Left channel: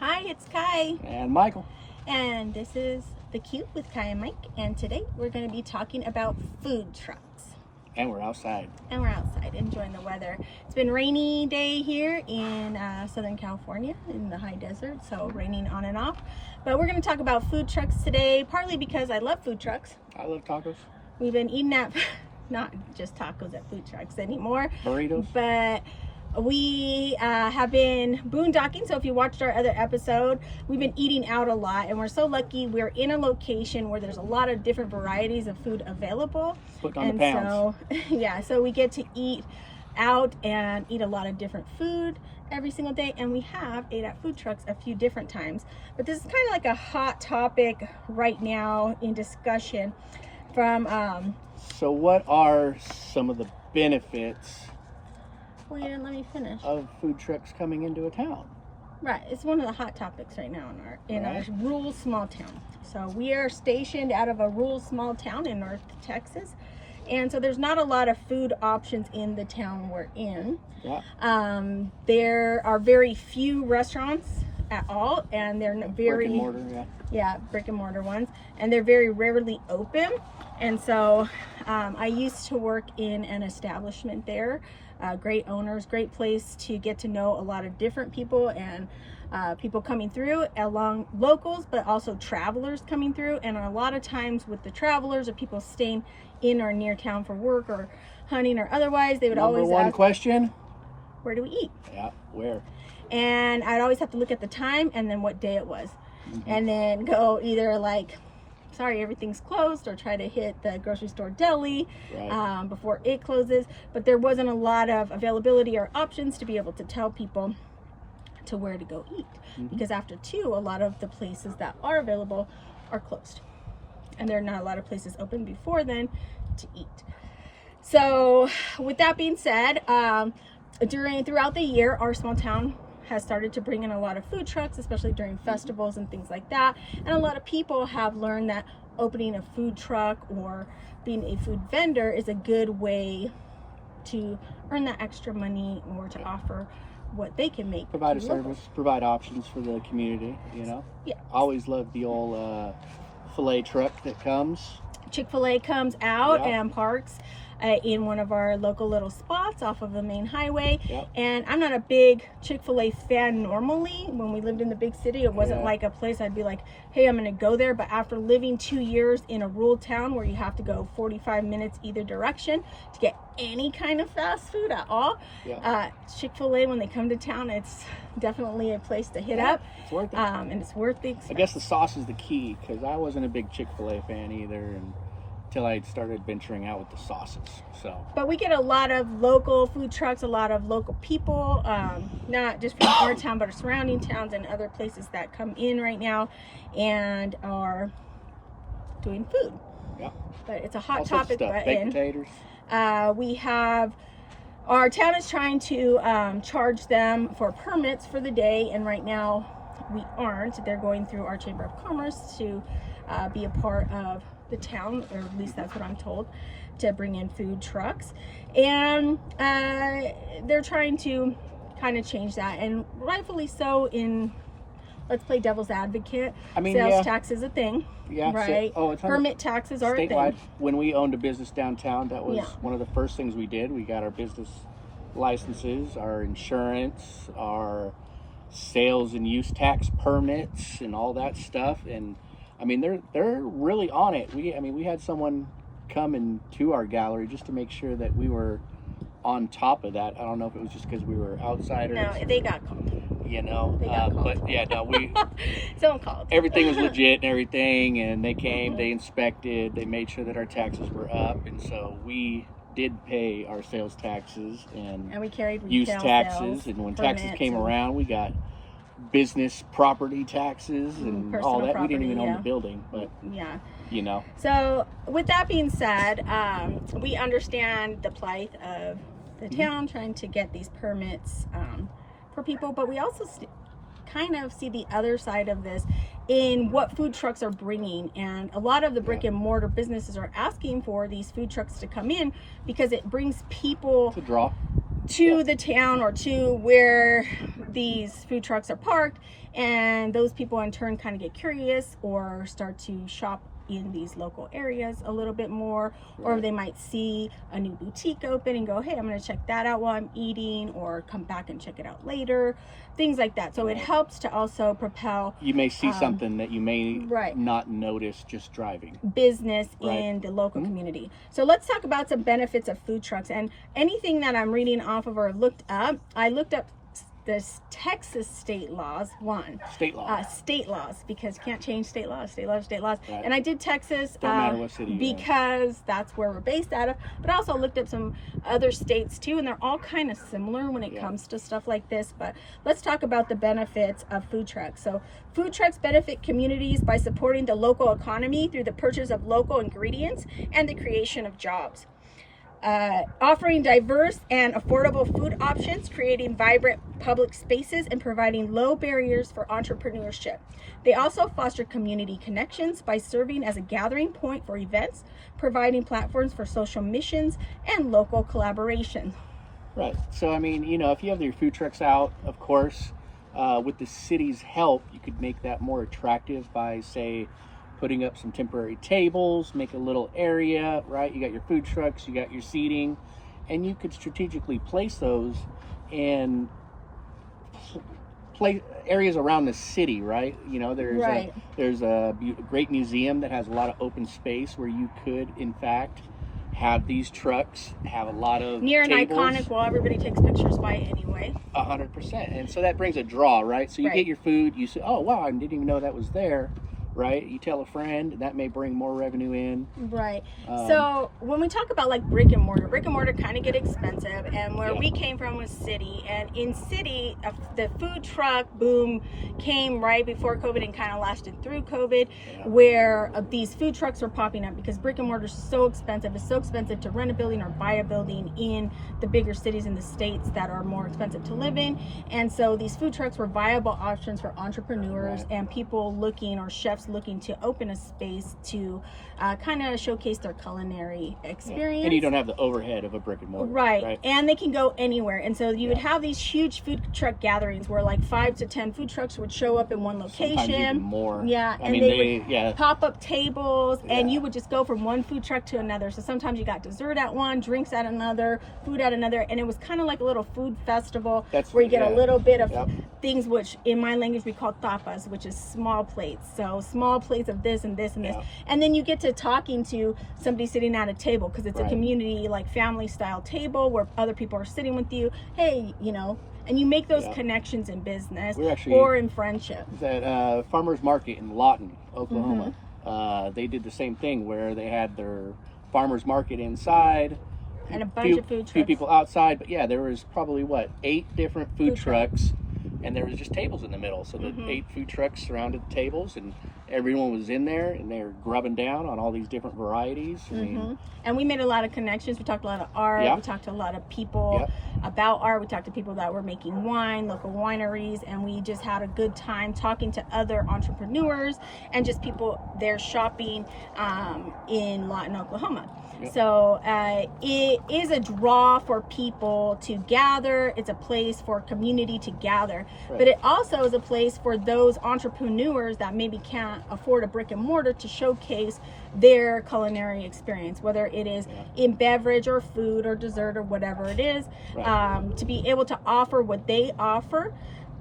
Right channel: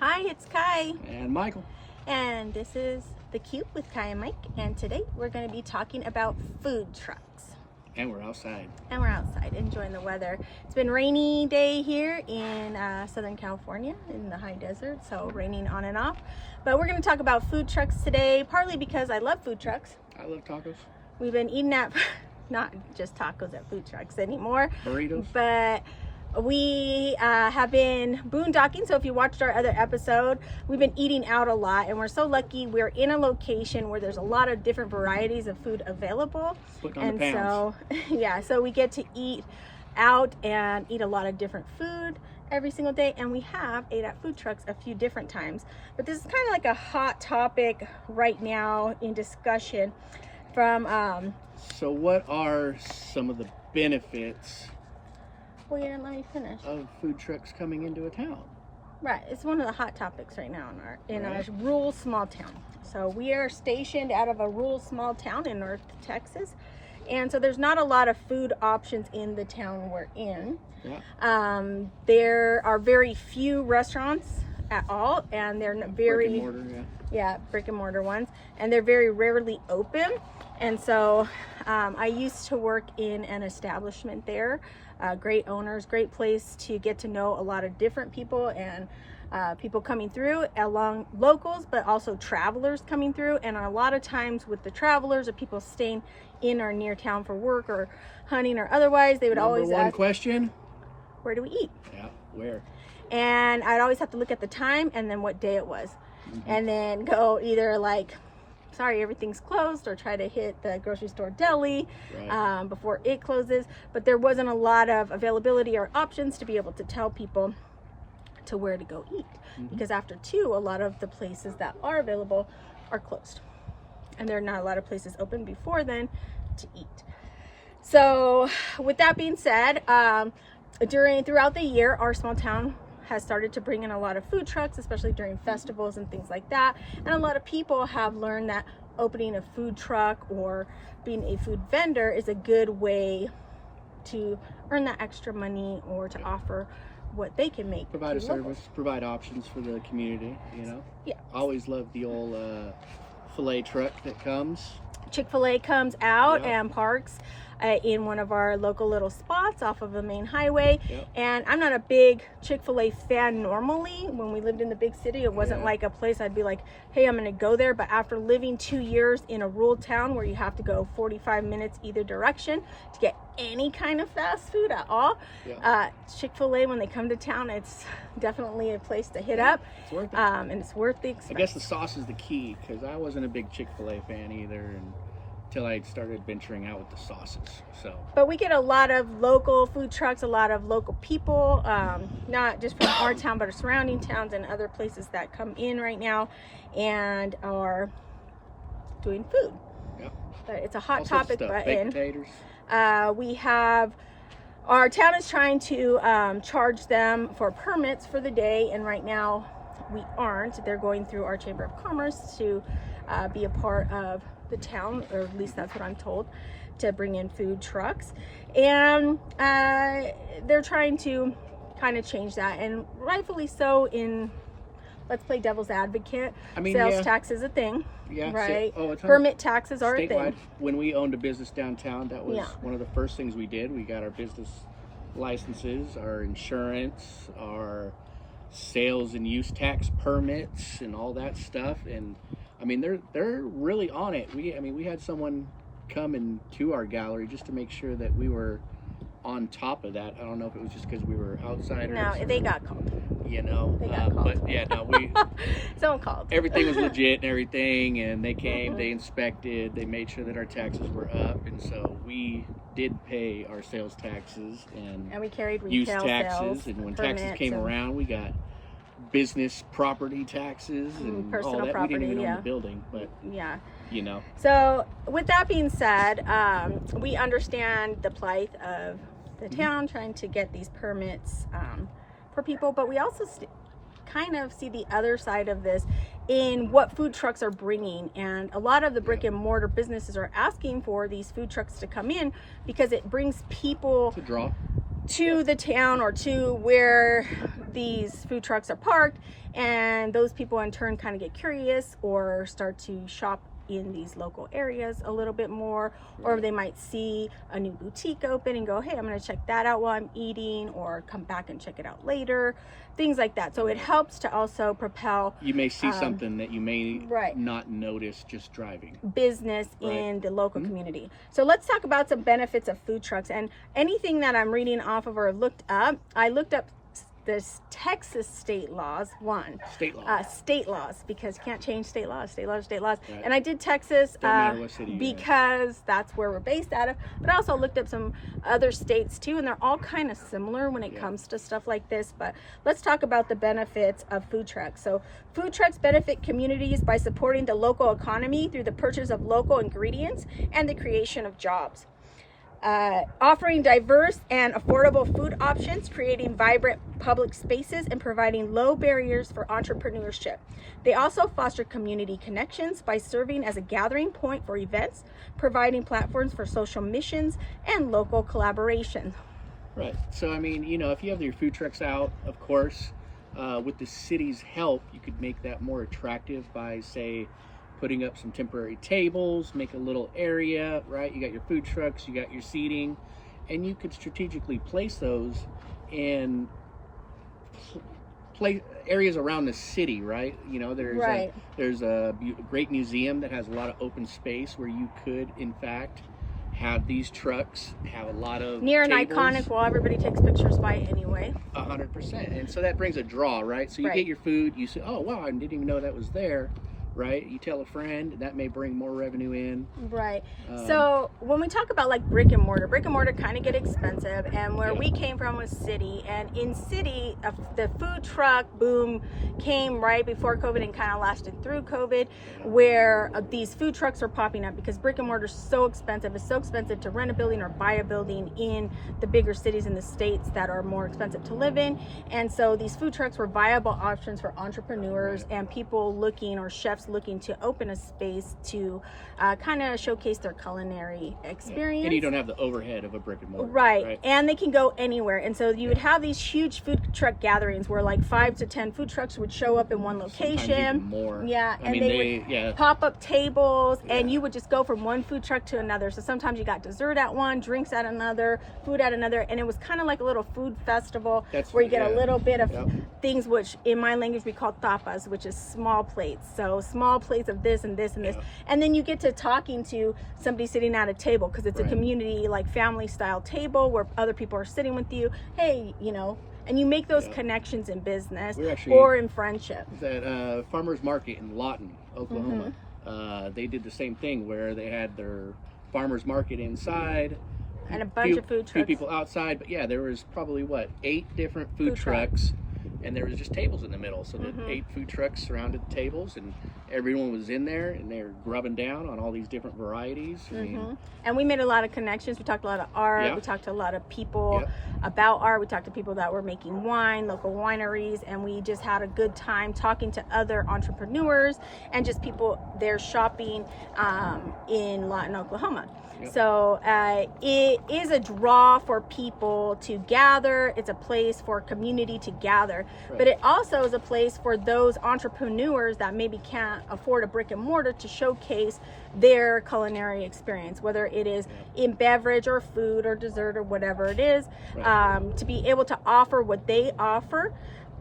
Hi, it's Kai, And Michael. and this is The Cube with Kai and Mike, and today we're going to be talking about food trucks. And we're outside. And we're outside enjoying the weather. It's been rainy day here in Southern California in the high desert, so raining on and off. But we're going to talk about food trucks today, partly because I love food trucks. I love tacos. We've been eating at, not just tacos at food trucks anymore, Burritos. but we have been boondocking. So if you watched our other episode, we've been eating out a lot, and we're so lucky we're in a location where there's a lot of different varieties of food available. Putting on the pounds. So yeah, so we get to eat out and eat a lot of different food every single day, and we have ate at food trucks a few different times. But this is kind of like a hot topic right now in discussion from So what are some of the benefits well, you didn't let me finish. of food trucks coming into a town? Right, it's one of the hot topics right now in our rural small town. So we are stationed out of a rural small town in North Texas, and so there's not a lot of food options in the town we're in. Yeah. There are very few restaurants at all, and they're very Brick and mortar, yeah, brick and mortar ones, and they're very rarely open. And so I used to work in an establishment there. Great owners, great place to get to know a lot of different people, and people coming through along locals, but also travelers coming through. And a lot of times with the travelers or people staying in or near town for work or hunting or otherwise, they would Number always one ask, question? where do we eat? Yeah, where? And I'd always have to look at the time and then what day it was. Mm-hmm. And then go either like, sorry, everything's closed, or try to hit the grocery store deli Right. before it closes. But there wasn't a lot of availability or options to be able to tell people to where to go eat. Mm-hmm. Because after 2, a lot of the places that are available are closed. And there are not a lot of places open before then to eat. So with that being said, throughout the year, our small town has started to bring in a lot of food trucks, especially during festivals and things like that. And a lot of people have learned that opening a food truck or being a food vendor is a good way to earn that extra money or to offer what they can make. Provide a to service, locals. provide options for the community, you know? Yeah. Always love the old filet truck that comes. Chick-fil-A comes out Yeah. and parks in one of our local little spots off of the main highway. Yep. And I'm not a big Chick-fil-A fan normally. When we lived in the big city, it wasn't Yeah. like a place I'd be like, hey, I'm gonna go there. But after living 2 years in a rural town where you have to go 45 minutes either direction to get any kind of fast food at all, Yeah. Chick-fil-A, when they come to town, it's definitely a place to hit Yeah, up. It's worth it. And it's worth the I expense. guess the sauce is the key, because I wasn't a big Chick-fil-A fan either until I started venturing out with the sauces. So But we get a lot of local food trucks, a lot of local people, not just from our town, but our surrounding towns and other places that come in right now and are doing food. yeah, But it's a hot all sorts of topic. stuff. But Baked potatoes. we have, our town is trying to charge them for permits for the day, and right now we aren't. They're going through our Chamber of Commerce to be a part of the town, or at least that's what I'm told, to bring in food trucks. And they're trying to kind of change that, and rightfully so. In, let's play devil's advocate, I mean, sales yeah. tax is a thing, Yeah, right? it's Permit taxes are a statewide. thing. When we owned a business downtown, that was Yeah. one of the first things we did. We got our business licenses, our insurance, our sales and use tax permits, and all that stuff. And I mean, they're really on it. We had someone come into our gallery just to make sure that we were on top of that. I don't know if it was just because we were outsiders. No, they got called. You know, They got called. but yeah, no, we Someone called. everything was legit and everything, and they came, they inspected, they made sure that our taxes were up, and so we did pay our sales taxes and And we carried retail use taxes, sales, and when taxes permits, came and around, we got business property taxes and personal all that. We didn't property, even own yeah. the building, but Yeah. you know, So with that being said, we understand the plight of the town trying to get these permits for people, but we also kind of see the other side of this in what food trucks are bringing. And a lot of the brick and mortar businesses are asking for these food trucks to come in because it brings people it's a draw. to the town or to where these food trucks are parked, and those people in turn kind of get curious or start to shop in these local areas a little bit more, or Right. they might see a new boutique open and go, hey, I'm going to check that out while I'm eating, or come back and check it out later, things like that. So it Right. helps to also propel You may see something that you may right. not notice just driving. business Right. in the local community. So let's talk about some benefits of food trucks. And anything that I'm reading off of or looked up, I looked up this Texas state laws, State law. state laws, because can't change state laws. Right. And I did Texas Don't matter what city you're in. because that's where we're based out of, but I also looked up some other states too, and they're all kind of similar when it Yeah. comes to stuff like this. But let's talk about the benefits of food trucks. So food trucks benefit communities by supporting the local economy through the purchase of local ingredients and the creation of jobs. Offering diverse and affordable food options, creating vibrant public spaces, and providing low barriers for entrepreneurship. They also foster community connections by serving as a gathering point for events, providing platforms for social missions and local collaboration. Right. So, I mean, if you have your food trucks out, of course, with the city's help, you could make that more attractive by, say, putting up some temporary tables, make a little area, right? You got your food trucks, you got your seating, and you could strategically place those in areas around the city, right? Right. There's a great museum that has a lot of open space where you could, in fact, have these trucks have a lot of Near an tables. iconic wall, everybody takes pictures by anyway. 100%, and so that brings a draw, right? So you Right. get your food, you say, oh wow, I didn't even know that was there, right? You tell a friend, that may bring more revenue in. Right. So when we talk about like brick and mortar kind of get expensive, and where Yeah. we came from was city, and in city the food truck boom came right before COVID and kind of lasted through COVID, where these food trucks are popping up because brick and mortar is so expensive. It's so expensive to rent a building or buy a building in the bigger cities in the states that are more expensive to live in, and so these food trucks were viable options for entrepreneurs Right. and people looking, or chefs looking to open a space to kind of showcase their culinary experience. And you don't have the overhead of a brick and mortar. Right. And they can go anywhere. And so you would have these huge food truck gatherings where like 5 to 10 food trucks would show up in one Sometimes even location. more. Yeah, I and mean, they would yeah. pop up tables, and Yeah. you would just go from one food truck to another. So sometimes you got dessert at one, drinks at another, food at another, and it was kind of like a little food festival where you get a little bit of Yep. things which in my language we call tapas, which is small plates. So small plates of this and this and this. Yeah. And then you get to talking to somebody sitting at a table, because it's a Right. community like family style table where other people are sitting with you. Hey, and you make those Yeah. connections in business We're actually- or in friendship. That farmers market in Lawton, Oklahoma, Mm-hmm. they did the same thing where they had their farmers market inside And a bunch of food few trucks. people outside, but yeah, there was probably 8 different food Food trucks. trucks, and there was just tables in the middle. So the 8 food trucks surrounded the tables, and everyone was in there, and they were grubbing down on all these different varieties. I mean, And we made a lot of connections. We talked a lot of art. Yeah. We talked to a lot of people about art. We talked to people that were making wine, local wineries, and we just had a good time talking to other entrepreneurs and just people there shopping in Lawton, Oklahoma. Yep. So it is a draw for people to gather. It's a place for community to gather, Right. but it also is a place for those entrepreneurs that maybe can't afford a brick and mortar to showcase their culinary experience, whether it is in beverage or food or dessert or whatever it is, Right. to be able to offer what they offer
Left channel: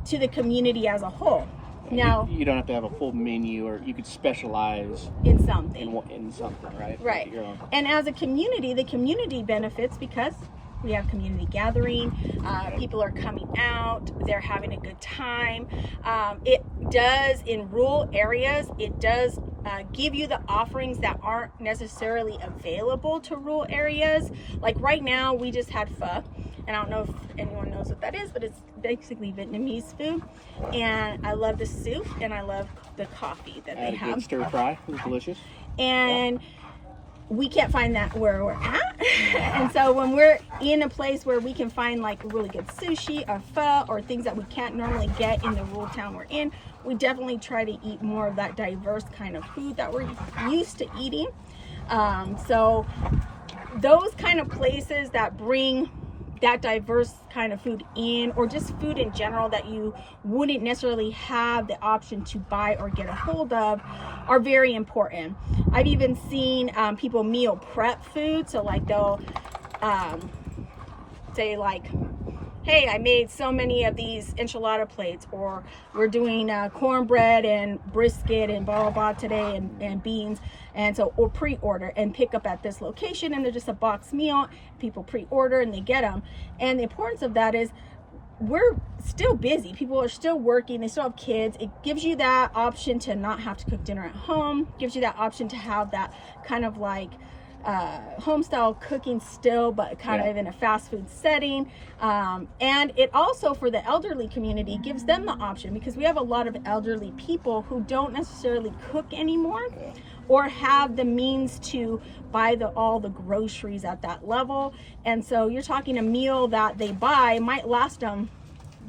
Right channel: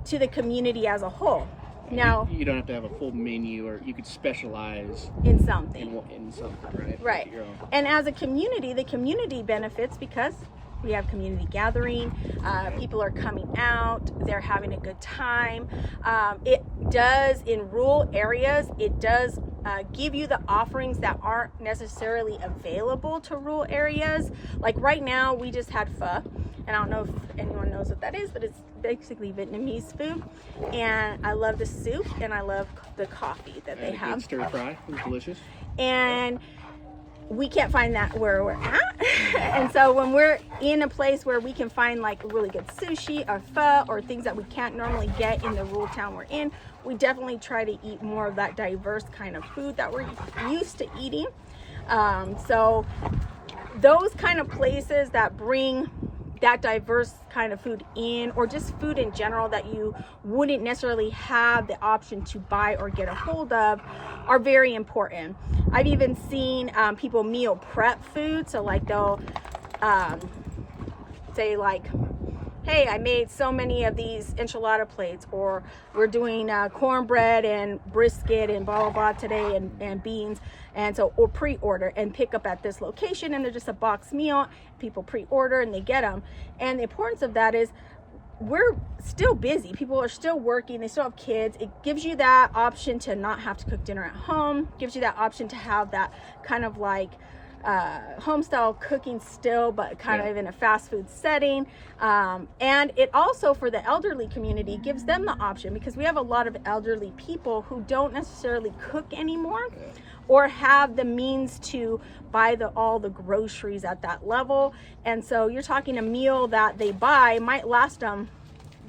to the community as a whole. Now, you don't have to have a full menu, or you could specialize in something. in something, right? Right. Make it your own. And as a community, the community benefits because we have community gathering. People are coming out. They're having a good time. It does, in rural areas, it does give you the offerings that aren't necessarily available to rural areas. Like right now, we just had pho. And I don't know if anyone knows what that is, but it's basically Vietnamese food. And I love the soup, and I love the coffee that Had they a have. good stir fry. It was delicious. And we can't find that where we're at. And so when we're in a place where we can find like really good sushi or pho or things that we can't normally get in the rural town we're in, we definitely try to eat more of that diverse kind of food that we're used to eating. So those kind of places that bring that diverse kind of food in, or just food in general that you wouldn't necessarily have the option to buy or get a hold of, are very important. I've even seen people meal prep food. So like they'll say like, hey, I made so many of these enchilada plates, or we're doing cornbread and brisket and blah blah blah today, and beans, and so, or pre-order and pick up at this location, and they're just a box meal. People pre-order and they get them. And the importance of that is, we're still busy, people are still working, they still have kids. It gives you that option to not have to cook dinner at home, gives you that option to have that kind of like home style cooking still, but kind of in a fast food setting. And it also, for the elderly community, gives them the option, because we have a lot of elderly people who don't necessarily cook anymore, or have the means to buy all the groceries at that level. And so you're talking a meal that they buy might last them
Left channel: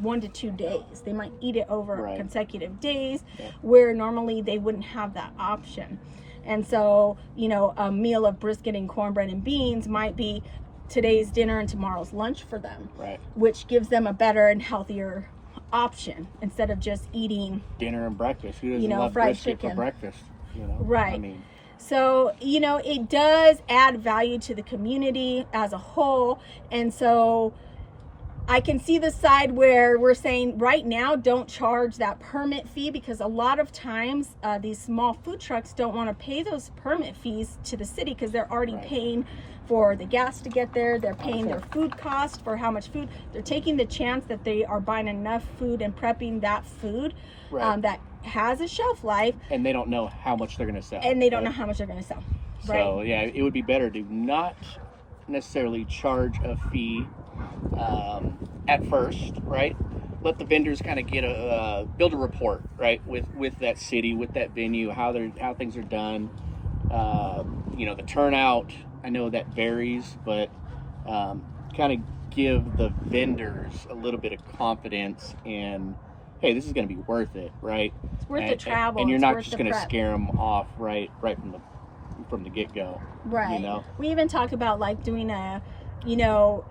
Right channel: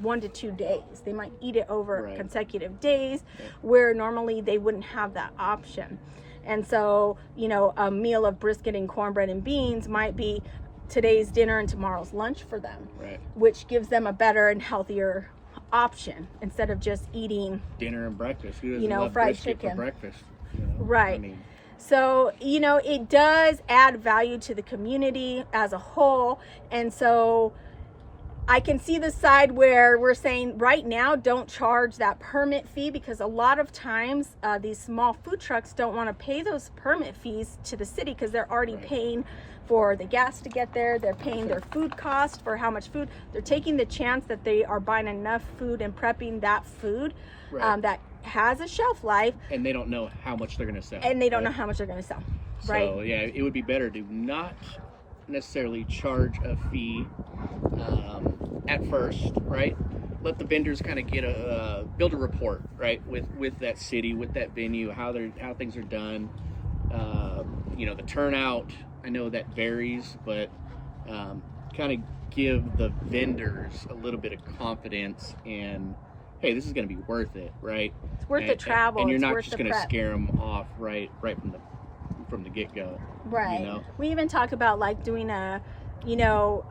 1 to 2 days. They might eat it over consecutive days, where normally they wouldn't have that option. And so, you know, a meal of brisket and cornbread and beans might be today's dinner and tomorrow's lunch for them, which gives them a better and healthier option, instead of just eating dinner and breakfast. Who doesn't you know, love fried brisket chicken for breakfast? You know? Right. I mean, so, you know, it does add value to the community as a whole. And so I can see the side where we're saying right now, don't charge that permit fee, because a lot of times these small food trucks don't want to pay those permit fees to the city, because they're already paying for the gas to get there. They're paying their food cost for how much food. They're taking the chance that they are buying enough food and prepping that food that has a shelf life. And they don't know how much they're going to sell. And they don't know how much they're going to sell. Right. So, yeah, it would be better to not necessarily charge a fee at first, right? Let the vendors kind of get build a rapport, right, with that city, with that venue, how things are done. You know, the turnout, I know that varies, but kind of give the vendors a little bit of confidence in, hey, this is going to be worth it, right? It's worth the travel, and you're it's not worth just the going to prep. scare them off right from the get-go. Right. You know? We even talk about like doing a, you know,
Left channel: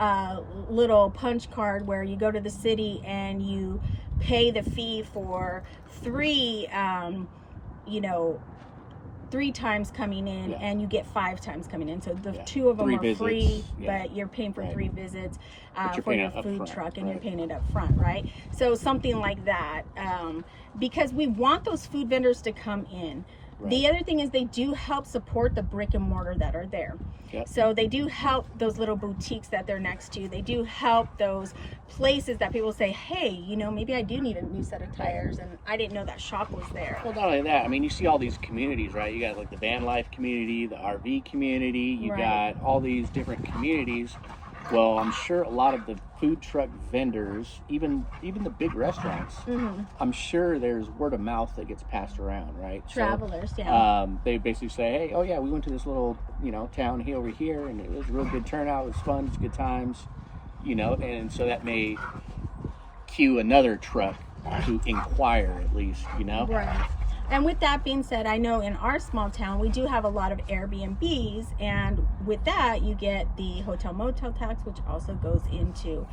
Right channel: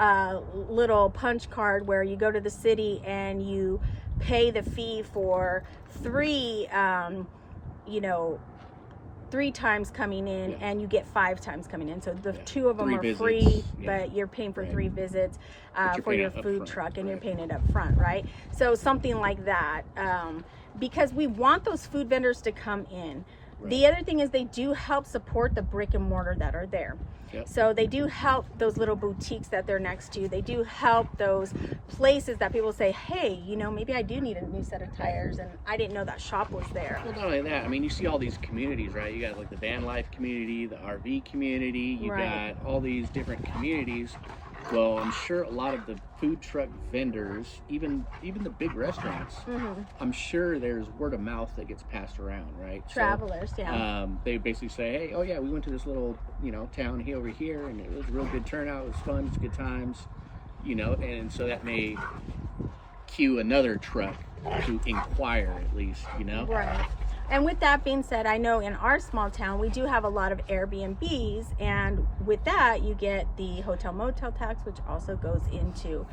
little punch card where you go to the city and you pay the fee for 3 times coming in, and you get 5 times coming in. So the 2 of them 3 are visits, free, but you're paying for 3 visits for your food truck, and you're paying it up front, right? So something like that, because we want those food vendors to come in. The other thing is, they do help support the brick and mortar that are there. So they do help those little boutiques that they're next to. They do help those places that people say, hey, you know, maybe I do need a new set of tires, and I didn't know that shop was there. Well, not only that, I mean, you see all these communities, right? You got like the van life community, the RV community, you got all these different communities. Well, I'm sure a lot of the food truck vendors, even the big restaurants, I'm sure there's word of mouth that gets passed around, right? Travelers, they basically say, hey, oh yeah, we went to this little, you know, town here over here, and it was a real good turnout. It was fun. It's good times, you know, and so that may cue another truck to inquire, at least, you know. Right. And with that being said, I know in our small town, we do have a lot of Airbnbs, and with that, you get the hotel motel tax, which also goes into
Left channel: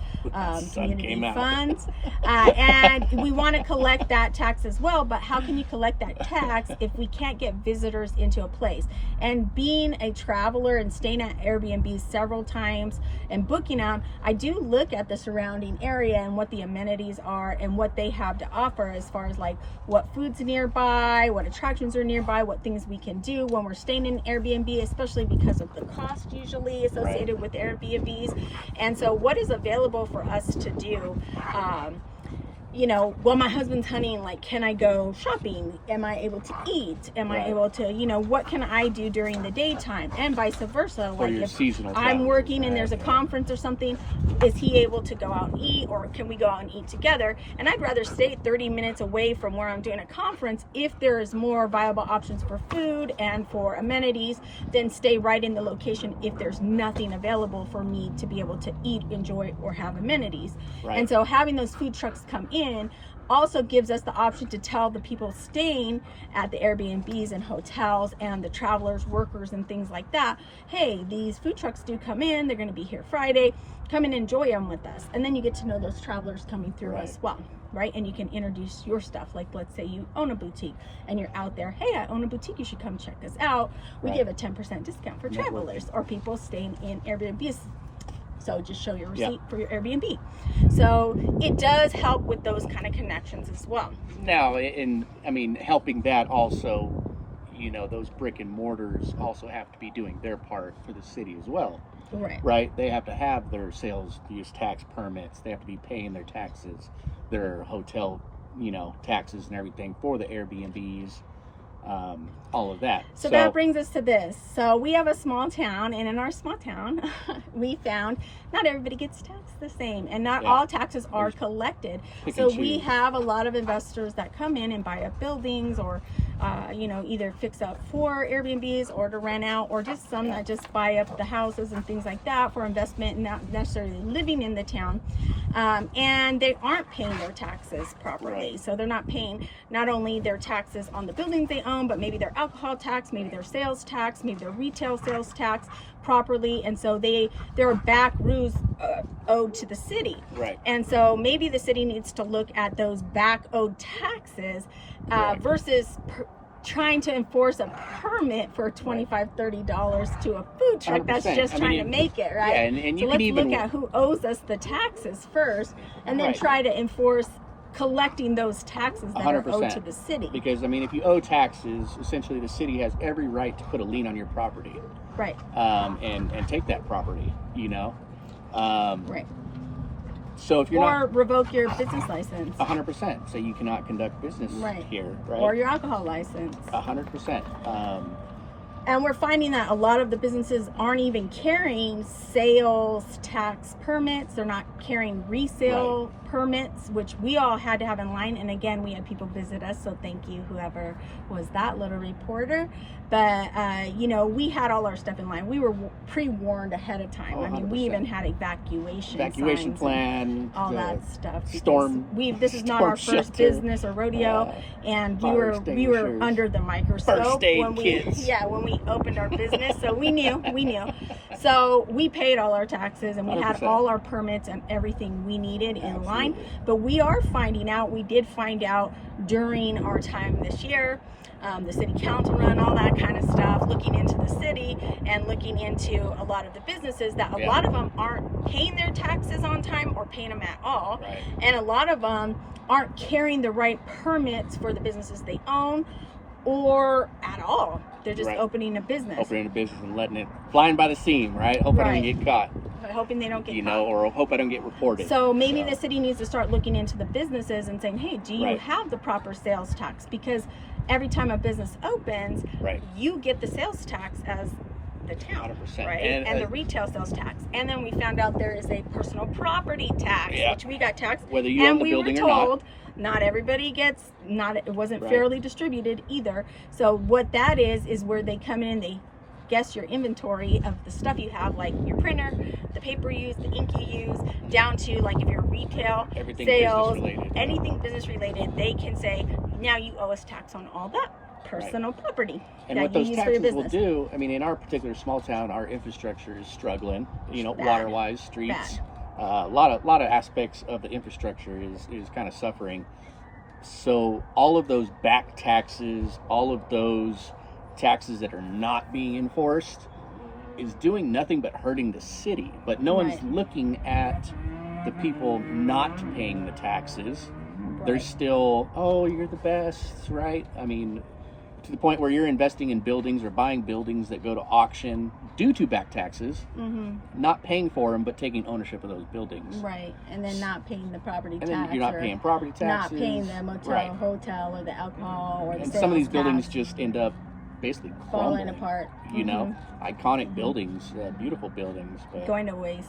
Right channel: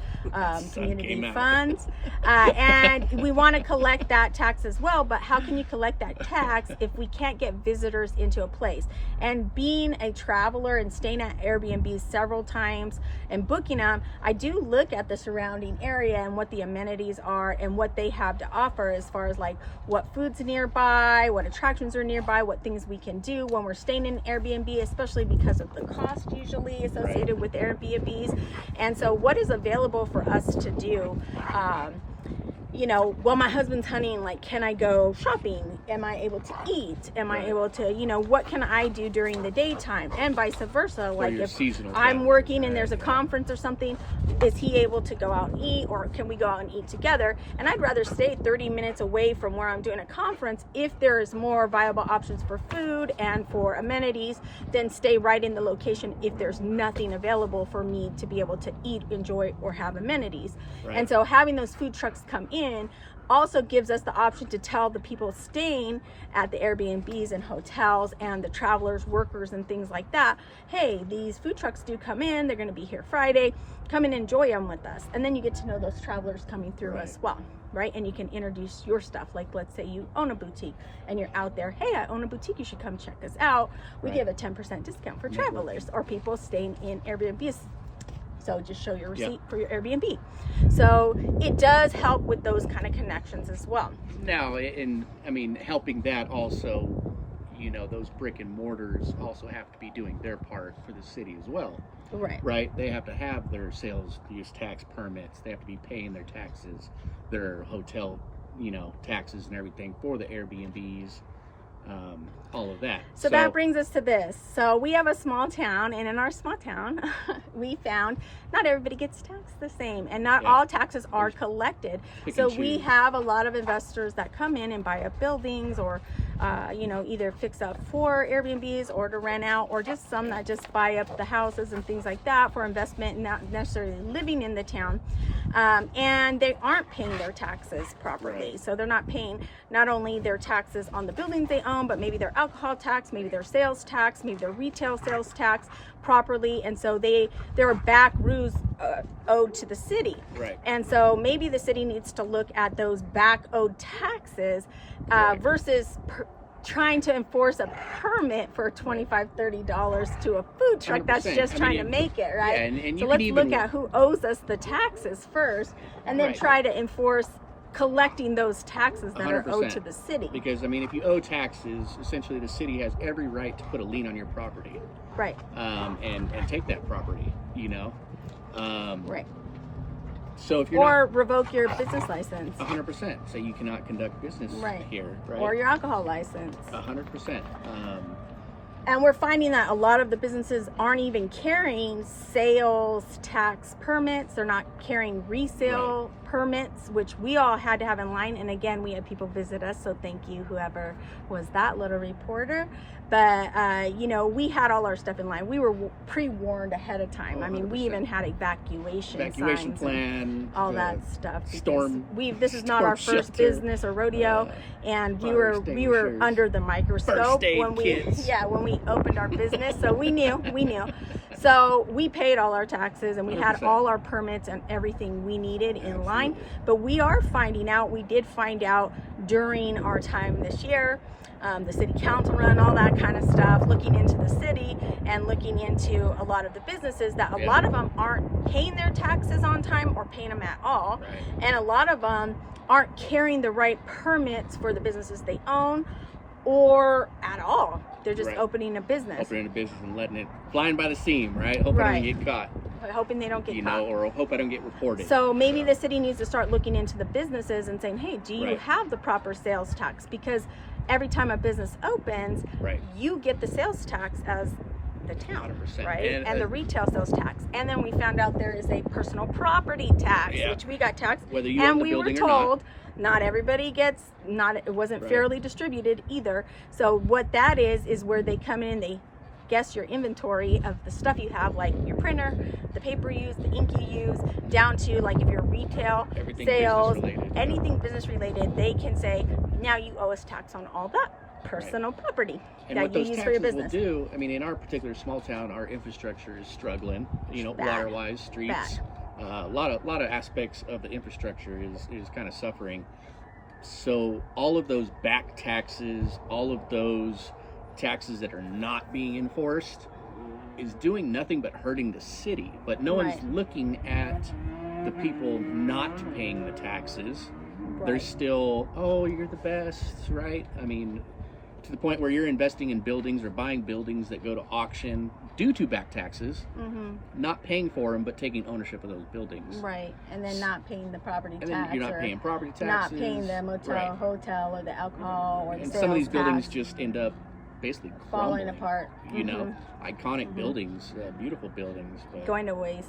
community funds. And we want to collect that tax as well, but how can you collect that tax if we can't get visitors into a place? And being a traveler and staying at Airbnbs several times and booking them, I do look at the surrounding area and what the amenities are and what they have to offer, as far as like what food's nearby, what attractions are nearby, what things we can do when we're staying in Airbnb, especially because of the cost usually associated with Airbnbs. And so what is available for us to do? You know, while my husband's hunting, like, can I go shopping? Am I able to eat? Am I able to, you know, what can I do during the daytime? And vice versa. Like, if I'm working and there's a conference or something, is he able to go out and eat, or can we go out and eat together? And I'd rather stay 30 minutes away from where I'm doing a conference if there is more viable options for food and for amenities than stay right in the location if there's nothing available for me to be able to eat, enjoy, or have amenities. And so having those food trucks come in also gives us the option to tell the people staying at the Airbnbs and hotels and the travelers, workers, and things like that, hey, these food trucks do come in, they're going to be here Friday, come and enjoy them with us. And then you get to know those travelers coming through as well, right? And you can introduce your stuff. Like, let's say you own a boutique and you're out there, hey, I own a boutique, you should come check us out. We give a 10% discount for travelers or people staying in Airbnbs. So just show your receipt for your Airbnb. So it does help with those kind of connections as well. Now, and I mean, helping that also, you know, those brick and mortars also have to be doing their part for the city as well. Right? They have to have their sales use tax permits. They have to be paying their taxes, their hotel, you know, taxes and everything for the Airbnbs. All of that. So that brings us to this. So we have a small town, and in our small town, we found not everybody gets taxed the same, and not all taxes are collected. So we have a lot of investors that come in and buy up buildings, or you know, either fix up for Airbnbs or to rent out, or just some that just buy up the houses and things like that for investment, not necessarily living in the town. And they aren't paying their taxes properly. So they're not paying not only their taxes on the buildings they own, but maybe their alcohol tax, maybe their sales tax, maybe their retail sales tax properly. And so there are back rules owed to the city. And so maybe the city needs to look at those back owed taxes versus trying to enforce a permit for $25-$30 to a food truck 100%. that's just trying to make it, right? And so let's look at who owes us the taxes first, and then try to enforce collecting those taxes that 100%. Are owed to the city. Because I mean, if you owe taxes, essentially the city has every right to put a lien on your property, and take that property, you know, So if you're revoke your business license. 100%. So you cannot conduct business here, right? Or your alcohol license. 100%. And we're finding that a lot of the businesses aren't even carrying sales tax permits. They're not carrying resale permits, which we all had to have in line. And again, we had people visit us, so thank you, whoever was that little reporter. But, you know, we had all our stuff in line. We were pre-warned ahead of time. I mean, we even had evacuation plan, all that stuff. This is not storm our first shelter, business or rodeo, and we were under the microscope when we opened our business. So we knew. So we paid all our taxes, and we 100%. Had all our permits and everything we needed in line. But we did find out during our time this year, the city council run, all that kind of stuff, looking into the city and looking into a lot of the businesses that a lot of them aren't paying their taxes on time or paying them at all. And a lot of them aren't carrying the right permits for the businesses they own or at all. They're just opening a business. And letting it flying by the seam, right? Hoping I don't get caught. Hoping they don't get caught. Or hope I don't get reported. So maybe the city needs to start looking into the businesses and saying, hey, do you have the proper sales tax? Because every time a business opens, you get the sales tax as the town, 100%. right? And the retail sales tax. And then we found out there is a personal property tax, which we got taxed. Whether you own the building or not. And we were told not everybody gets, it wasn't fairly distributed either. So what that is where they come in and they guess your inventory of the stuff you have, like your printer, the paper you use, the ink you use, down to like if you're retail, everything sales, business related, anything business related, they can say, now you owe us tax on all that personal property and that what you those use taxes for your business. will do, I mean, in our particular small town, our infrastructure is struggling, water-wise, streets, a lot of aspects of the infrastructure is kind of suffering. So all of those back taxes, all of those taxes that are not being enforced is doing nothing but hurting the city. But no one's looking at the people not paying the taxes. They're still, oh, you're the best, right? I mean, to the point where you're investing in buildings or buying buildings that go to auction due to back taxes, not paying for them, but taking ownership of those buildings. And then not paying the property tax. And then you're not paying property taxes. Not paying the motel, hotel, or the alcohol, or the sales some of these tax. buildings just end up basically falling apart. You know, iconic buildings, beautiful buildings. But going to waste.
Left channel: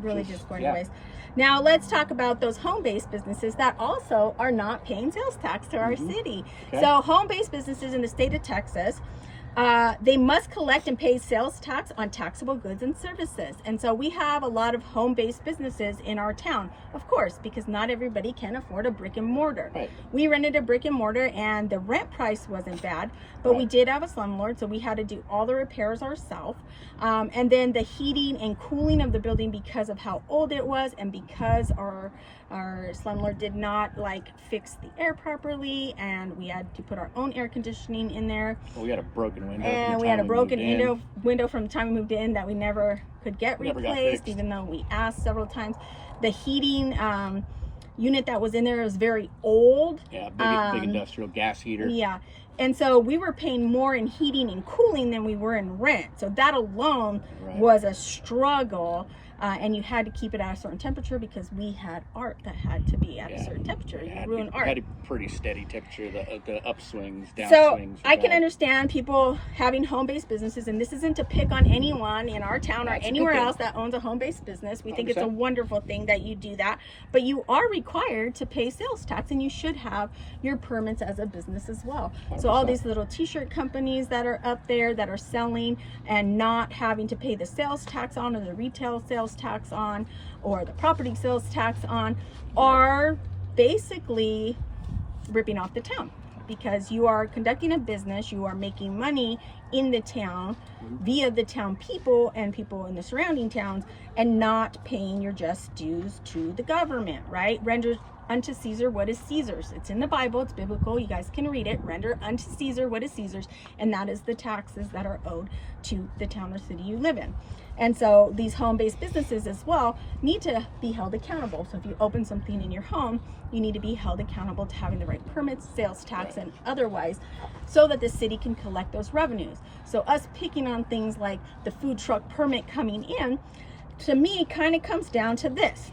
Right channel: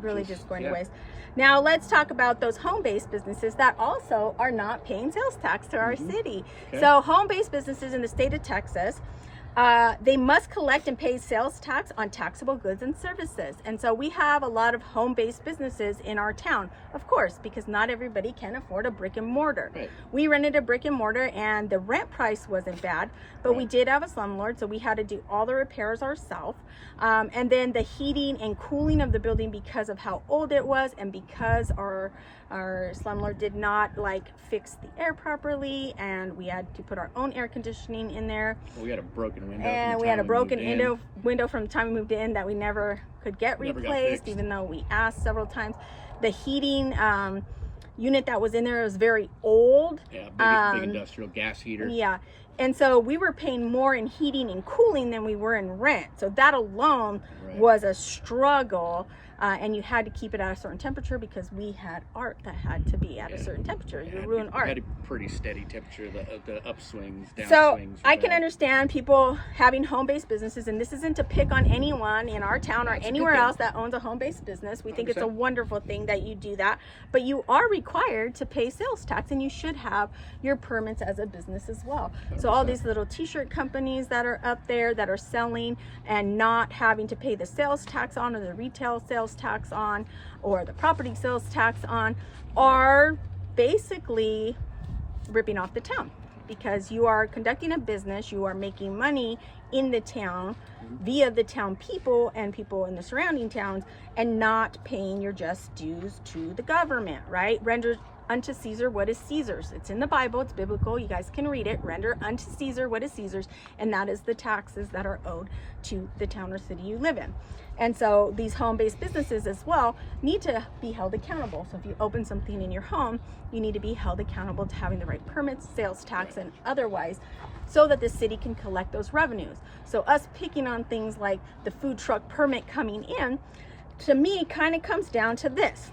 Really just going to waste. Now let's talk about those home-based businesses that also are not paying sales tax to our city. So home-based businesses in the state of Texas, They must collect and pay sales tax on taxable goods and services. And so we have a lot of home-based businesses in our town, of course, because not everybody can afford a brick and mortar. Right. We rented a brick and mortar and the rent price wasn't bad, but we did have a slumlord, so we had to do all the repairs ourselves. And then the heating and cooling of the building, because of how old it was and because our slumlord did not like fix the air properly, and we had to put our own air conditioning in there. We had a broken window. And we had a broken window from the time we moved in that we never could get replaced, even though we asked several times. The heating unit that was in there was very old. Yeah, big industrial gas heater. Yeah. And so we were paying more in heating and cooling than we were in rent. So that alone was a struggle. And you had to keep it at a certain temperature because we had art that had to be at a certain temperature. You ruin art. Had a pretty steady temperature, the upswings, downswings. So I can understand people having home-based businesses, and this isn't to pick on anyone in our town or anywhere else that owns a home-based business. We think it's a wonderful thing that you do that, but you are required to pay sales tax, and you should have your permits as a business as well. 100%. So all these little t-shirt companies that are up there that are selling and not having to pay the sales tax on, or the retail sales tax on, or the property sales tax on, are basically ripping off the town, because you are conducting a business, you are making money in the town via the town people and people in the surrounding towns, and not paying your just dues to the government, right? Render unto Caesar what is Caesar's. It's in the Bible, it's biblical, you guys can read it. Render unto Caesar what is Caesar's, and that is the taxes that are owed to the town or city you live in. And so these home-based businesses as well need to be held accountable. So if you open something in your home, you need to be held accountable to having the right permits, sales tax, and otherwise, so that the city can collect those revenues. So us picking on things like the food truck permit coming in, to me, kind of comes down to this.